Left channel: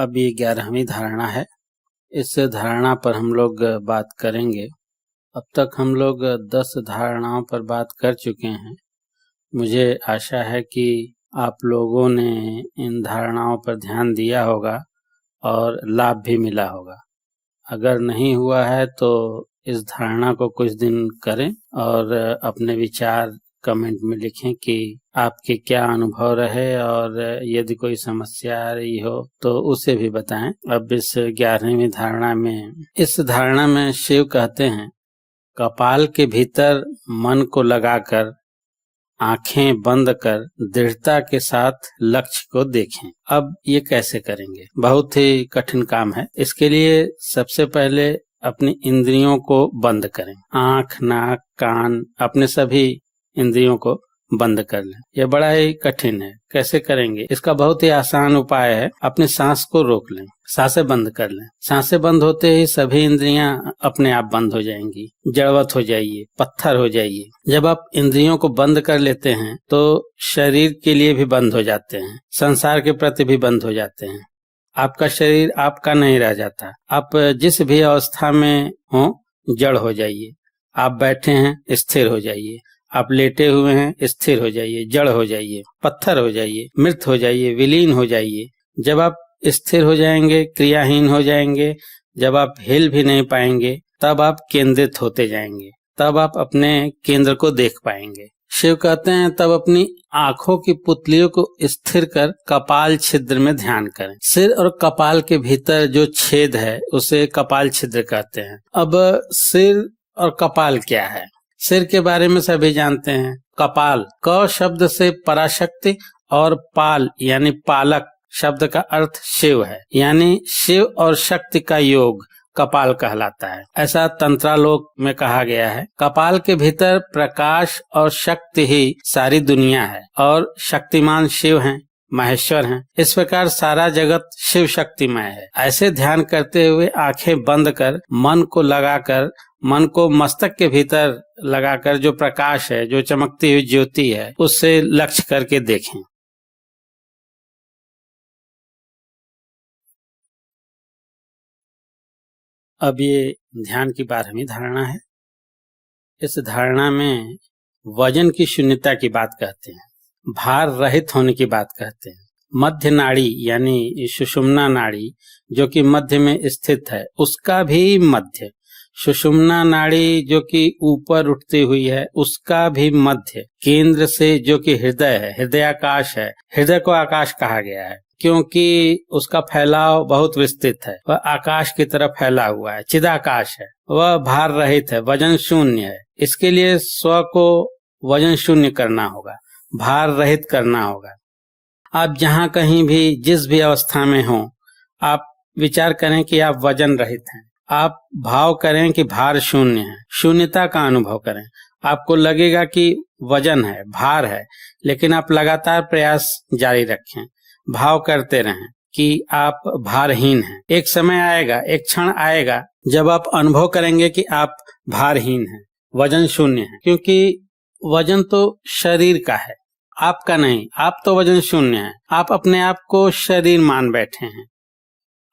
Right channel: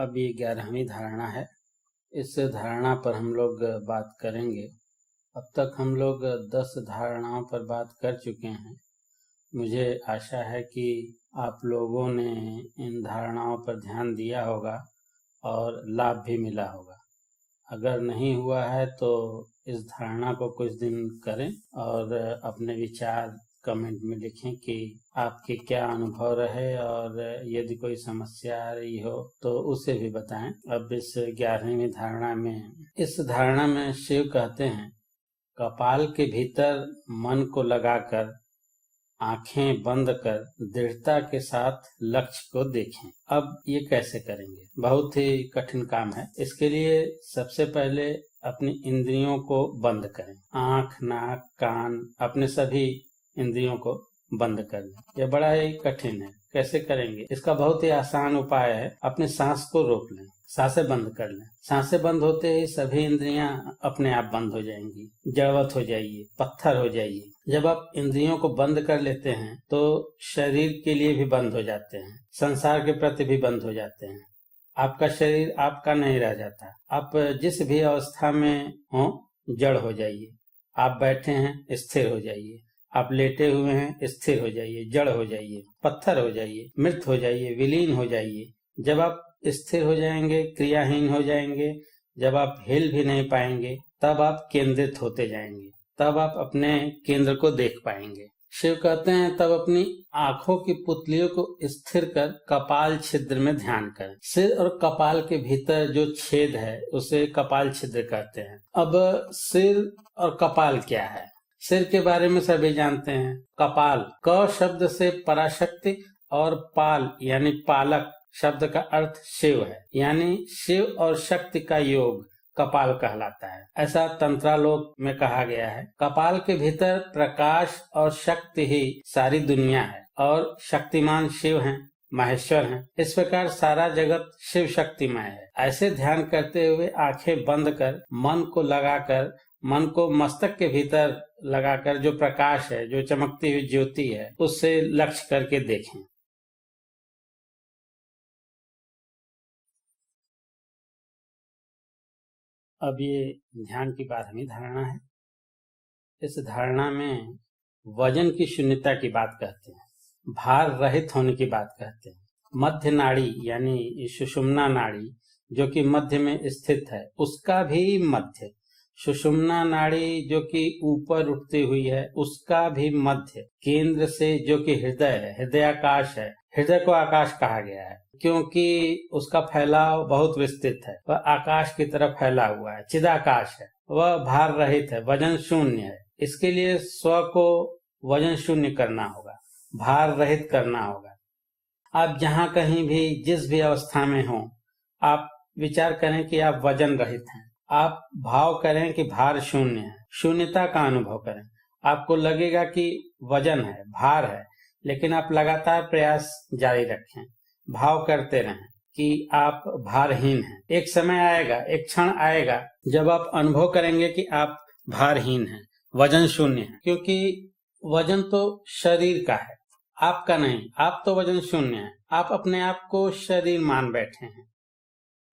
अब ये 11वीं धारणा है। इस धारणा पर हम लोग बात करेंगे। अब तक हम लोग 10 धारणाओं पर बात कर चुके हैं। मुझे आशा है कि आप लोगों ने इन धारणाओं पर ध्यान दिया होगा और लाभ भी मिला होगा। अगर नहीं हुआ है तो इस धारणा को कुछ दिन करें और अपने विचार कमेंट में लिखें कि आपके क्या अनुभव रहे, और यदि कोई समस्या आ रही हो तो उसे भी बताएं। अब इस 11वीं धारणा में, इस धारणा में शिव कहते हैं, कपाल के भीतर मन को लगाकर आंखें बंद कर दृढ़ता के साथ लक्ष्य को देखें। अब ये कैसे करेंगे? बहुत ही कठिन काम है। इसके लिए सबसे पहले अपनी इंद्रियों को बंद करें। आंख, नाक, कान, अपने सभी इंद्रियों को बंद कर लें। यह बड़ा ही कठिन है। कैसे करेंगे? इसका बहुत ही आसान उपाय है। अपनी सांस को रोक लें, सांसें बंद कर लें। सांसें बंद होते ही सभी इंद्रियां अपने आप बंद हो जाएंगी। जड़वत हो जाइए, पत्थर हो जाइए। जब आप इंद्रियों को बंद कर लेते हैं तो शरीर के लिए भी बंद हो जाते हैं, संसार के प्रति भी बंद हो जाते हैं। आपका शरीर आपका नहीं रह जाता। आप जिस भी अवस्था में हो, जड़ हो जाइए। आप बैठे हैं, स्थिर हो जाइए। आप लेटे हुए हैं, स्थिर हो जाइए, जड़ हो जाइए, पत्थर हो जाइए, मृत हो जाइए, विलीन हो जाइए। जब आप स्थिर हो जाएंगे, क्रियाहीन हो जाएंगे, जब आप हिल भी नहीं पाएंगे, तब आप केंद्रित होते जाएंगे। तब आप अपने केंद्र को देख पाएंगे। शिव कहते हैं, तब अपनी आंखों की पुतलियों को स्थिर कर कपाल छिद्र में ध्यान करें। सिर और कपाल के भीतर जो छेद है उसे कपाल छिद्र कहते हैं। अब सिर और कपाल क्या है? सिर के बारे में सभी जानते हैं। कपाल, क शब्द से पराशक्ति और पाल यानी पालक शब्द का अर्थ शिव है, यानी शिव और शक्ति का योग कपाल कहलाता है। ऐसा तंत्रालोक में कहा गया है। कपाल के भीतर प्रकाश और शक्ति ही सारी दुनिया है और शक्तिमान शिव हैं, महेश्वर हैं। इस प्रकार सारा जगत शिव शक्तिमय है। ऐसे ध्यान करते हुए आंखें बंद कर मन को लगाकर, मन को मस्तक के भीतर लगाकर जो प्रकाश है, जो चमकती हुई ज्योति है, उससे लक्ष्य करके देखें। अब ये ध्यान की 12वीं धारणा है। इस धारणा में वजन की शून्यता की बात कहते हैं, भार रहित होने की बात कहते हैं। मध्य नाड़ी यानी सुषुम्ना नाड़ी जो कि मध्य में स्थित है, उसका भी मध्य, सुषुम्ना नाड़ी जो कि ऊपर उठती हुई है, उसका भी मध्य, केंद्र से जो कि हृदय है, हृदयाकाश है। हृदय को आकाश कहा गया है क्योंकि उसका फैलाव बहुत विस्तृत है। वह आकाश की तरफ फैला हुआ है, चिदाकाश है। वह भार रहित है, वजन शून्य है। इसके लिए स्व को वजन शून्य करना होगा, भार रहित करना होगा। आप जहाँ कहीं भी, जिस भी अवस्था में हो, आप विचार करें कि आप वजन रहित हैं। आप भाव करें कि भार शून्य है, शून्यता का अनुभव करें। आपको लगेगा कि वजन है, भार है, लेकिन आप लगातार प्रयास जारी रखें। भाव करते रहें कि आप भारहीन हैं। एक समय आएगा, एक क्षण आएगा जब आप अनुभव करेंगे कि आप भारहीन हैं, वजन शून्य है। क्योंकि वजन तो शरीर का है, आपका नहीं। आप तो वजन शून्य है। आप अपने आप को शरीर मान बैठे हैं।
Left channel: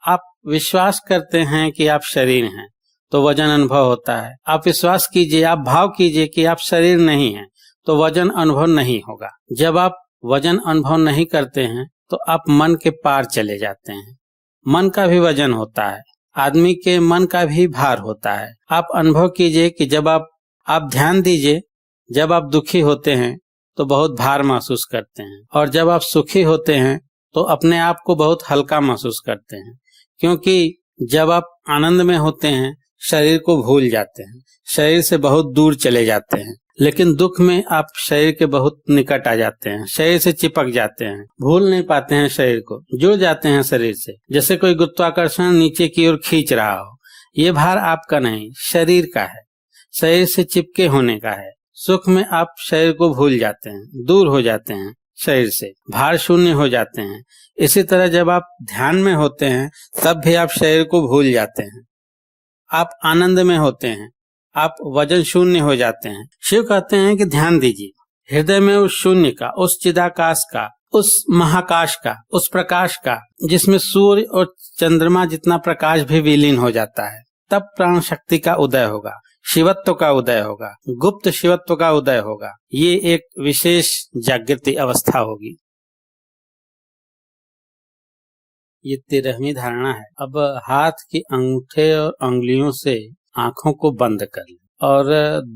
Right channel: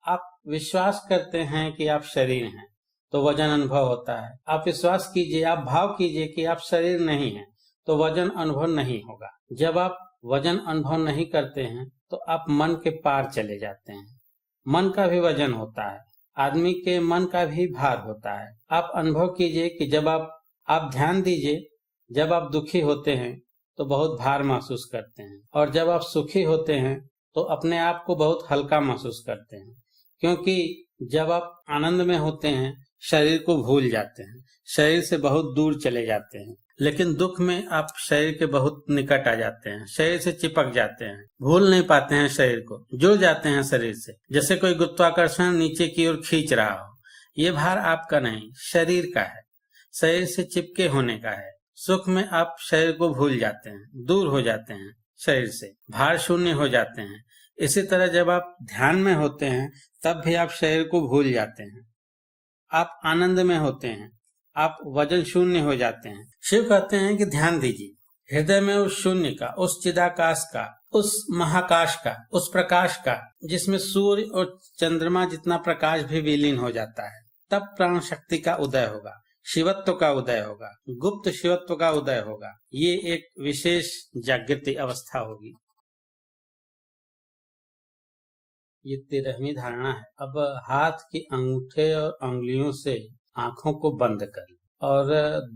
आप विश्वास करते हैं कि आप शरीर हैं तो वजन अनुभव होता है। आप विश्वास कीजिए, आप भाव कीजिए कि आप शरीर नहीं हैं तो वजन अनुभव नहीं होगा। जब आप वजन अनुभव नहीं करते हैं तो आप मन के पार चले जाते हैं। मन का भी वजन होता है, आदमी के मन का भी भार होता है। आप अनुभव कीजिए कि जब आप ध्यान दीजिए, जब आप दुखी होते हैं तो बहुत भार महसूस करते हैं, और जब आप सुखी होते हैं तो अपने आप को बहुत हल्का महसूस करते हैं। क्योंकि जब आप आनंद में होते हैं शरीर को भूल जाते हैं, शरीर से बहुत दूर चले जाते हैं। लेकिन दुख में आप शरीर के बहुत निकट आ जाते हैं, शरीर से चिपक जाते हैं, भूल नहीं पाते हैं शरीर को, जुड़ जाते हैं शरीर से। जैसे कोई गुरुत्वाकर्षण नीचे की ओर खींच रहा हो। ये भार आपका नहीं, शरीर का है, शरीर से चिपके होने का है। सुख में आप शरीर को भूल जाते हैं, दूर हो जाते हैं शरीर से, भार शून्य हो जाते हैं। इसी तरह जब आप ध्यान में होते हैं तब भी आप शरीर को भूल जाते हैं। आप आनंद में होते हैं, आप वजन शून्य हो जाते हैं। शिव कहते हैं कि ध्यान दीजिए हृदय में उस शून्य का, उस चिदाकाश का, उस महाकाश का, उस प्रकाश का जिसमें सूर्य और चंद्रमा जितना प्रकाश भी विलीन हो जाता है, तब प्राण शक्ति का उदय होगा, शिवत्व का उदय होगा, गुप्त शिवत्व का उदय होगा। ये एक विशेष जागृति अवस्था होगी। ये 13वीं धारणा है। अब हाथ के अंगूठे और अंगुलियों से आंखों को बंद कर लें और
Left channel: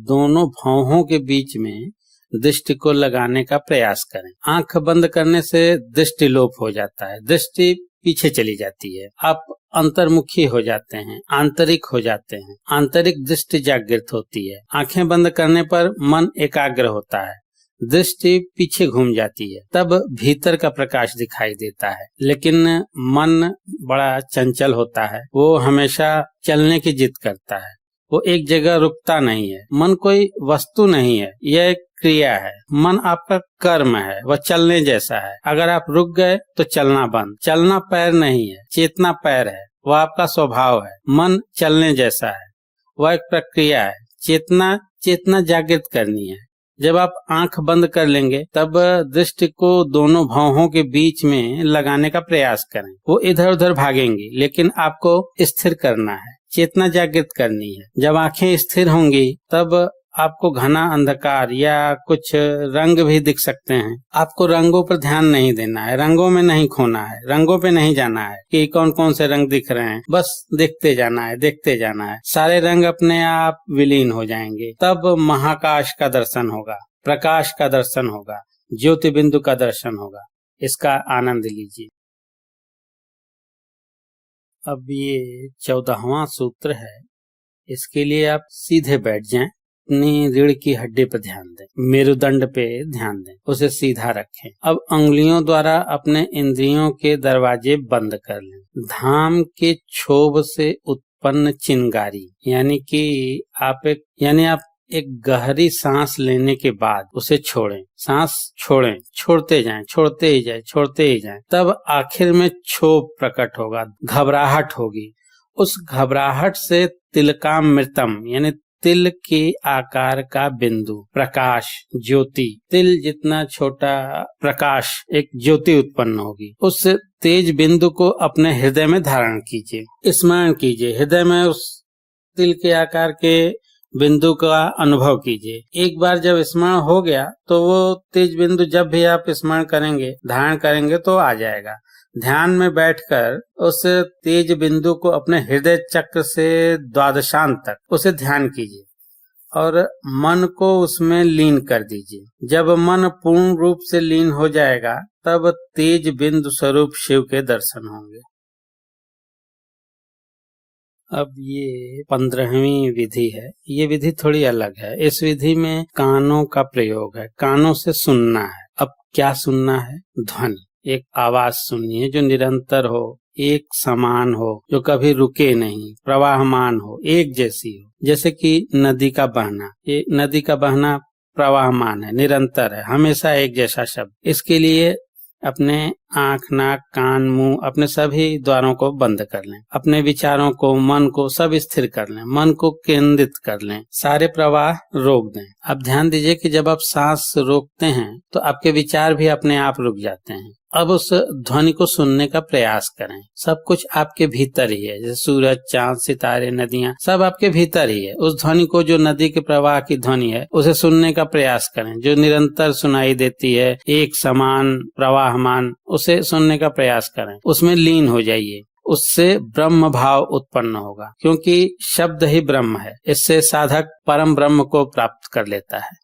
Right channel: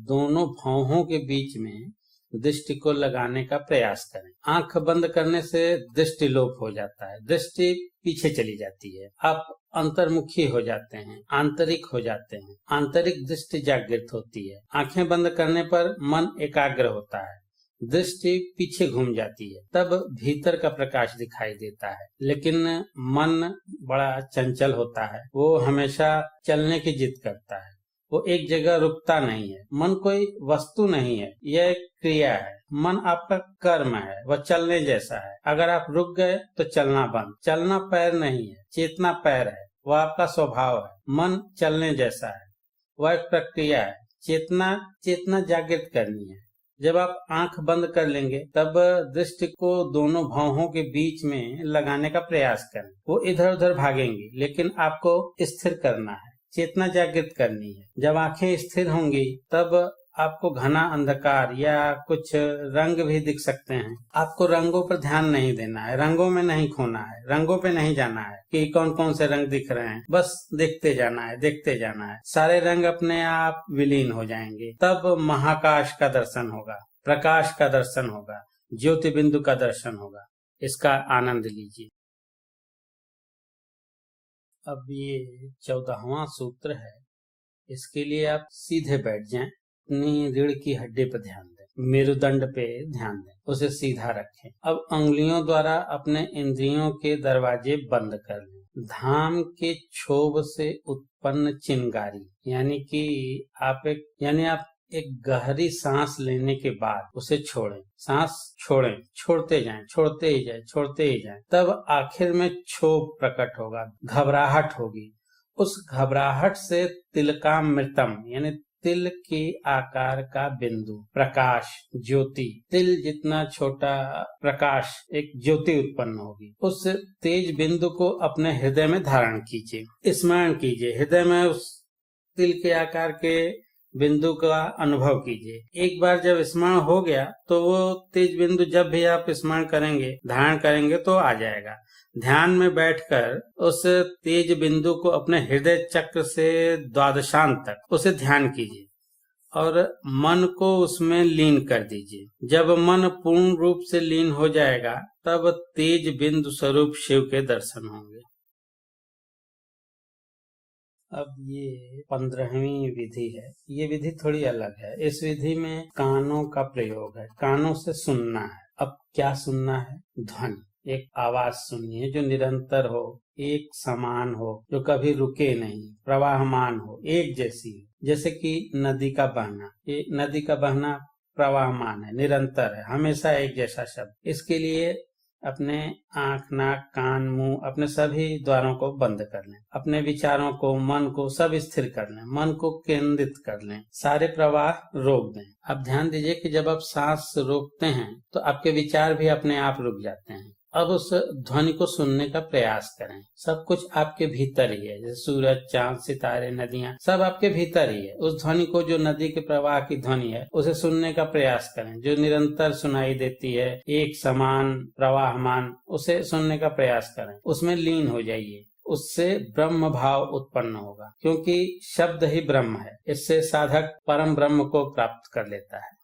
दोनों भौहों के बीच में दृष्टि को लगाने का प्रयास करें। आंख बंद करने से दृष्टि लोप हो जाता है, दृष्टि पीछे चली जाती है, आप अंतर्मुखी हो जाते हैं, आंतरिक हो जाते हैं, आंतरिक दृष्टि जागृत होती है। आंखें बंद करने पर मन एकाग्र होता है, दृष्टि पीछे घूम जाती है, तब भीतर का प्रकाश दिखाई देता है। लेकिन मन बड़ा चंचल होता है, वो हमेशा चलने की जिद करता है, वो एक जगह रुकता नहीं है। मन कोई वस्तु नहीं है, यह एक क्रिया है। मन आपका कर्म है, वह चलने जैसा है। अगर आप रुक गए तो चलना बंद। चलना पैर नहीं है, चेतना पैर है, वह आपका स्वभाव है। मन चलने जैसा है, वह एक प्रक्रिया है। चेतना जागृत करनी है। जब आप आंख बंद कर लेंगे तब दृष्टि को दोनों भौहों के बीच में लगाने का प्रयास करें। वो इधर उधर भागेंगी, लेकिन आपको स्थिर करना है, चेतना जागृत करनी है। जब आंखें स्थिर होंगी तब आपको घना अंधकार या कुछ रंग भी दिख सकते हैं। आपको रंगों पर ध्यान नहीं देना है, रंगों में नहीं खोना है, रंगों पे नहीं जाना है कि कौन कौन से रंग दिख रहे हैं। बस देखते जाना है, देखते जाना है। सारे रंग अपने आप विलीन हो जाएंगे। तब महाकाश का दर्शन होगा, प्रकाश का दर्शन होगा, ज्योति बिंदु का दर्शन होगा। इसका आनंद लीजिए। अब ये 14वां सूत्र है। इसके लिए आप सीधे बैठ जाएं, अपनी रीढ़ की हड्डी पर ध्यान दें, मेरुदंड पे ध्यान दें, उसे सीधा रखें। अब अंगुलियों द्वारा अपने इंद्रियों के दरवाजे बंद कर लें। धाम के क्षोभ से उत्पन्न चिंगारी यानी आप एक गहरी सांस लेने के बाद उसे छोड़ें। सांस छोड़ें, छोड़ते जाएं, छोड़ते ही जाएं, छोड़ते ही जाएं। तब आखिर में क्षोभ प्रकट होगा, घबराहट होगी। उस घबराहट से तिलकामृतम यानी तिल के आकार का बिंदु, प्रकाश, ज्योति, तिल जितना छोटा प्रकाश, एक ज्योति उत्पन्न होगी। उस तेज बिंदु को अपने हृदय में धारण कीजिए, स्मरण कीजिए। हृदय में उस तिल के आकार के बिंदु का अनुभव कीजिए। एक बार जब स्मरण हो गया तो वो तेज बिंदु जब भी आप स्मरण करेंगे, धारण करेंगे तो आ जाएगा। ध्यान में बैठकर उस तेज बिंदु को अपने हृदय चक्र से द्वादशांत तक उसे ध्यान कीजिए और मन को उसमें लीन कर दीजिए। जब मन पूर्ण रूप से लीन हो जाएगा तब तेज बिंदु स्वरूप शिव के दर्शन होंगे। अब ये 15वीं विधि है। ये विधि थोड़ी अलग है। इस विधि में कानों का प्रयोग है, कानों से सुनना है। अब क्या सुनना है? ध्वनि, एक आवाज सुनिए जो निरंतर हो, एक समान हो, जो कभी रुके नहीं, प्रवाहमान हो, एक जैसी हो। जैसे कि नदी का बहना, ये नदी का बहना प्रवाहमान है, निरंतर है, हमेशा एक जैसा शब्द। इसके लिए अपने आंख, नाक, कान, मुंह, अपने सभी द्वारों को बंद कर लें। अपने विचारों को, मन को सब स्थिर कर लें, मन को केंद्रित कर लें, सारे प्रवाह रोक दें। अब ध्यान दीजिए कि जब आप सांस रोकते हैं तो आपके विचार भी अपने आप रुक जाते हैं। अब उस ध्वनि को सुनने का प्रयास करें। सब कुछ आपके भीतर ही है, जैसे सूरज, चांद, सितारे, नदियां, सब आपके भीतर ही है। उस ध्वनि को, जो नदी के प्रवाह की ध्वनि है, उसे सुनने का प्रयास करें, जो निरंतर सुनाई देती है, एक समान, प्रवाहमान, उसे सुनने का प्रयास करें। उसमें लीन हो जाइए। उससे ब्रह्म भाव उत्पन्न होगा, क्योंकि शब्द ही ब्रह्म है। इससे साधक परम ब्रह्म को प्राप्त कर लेता है।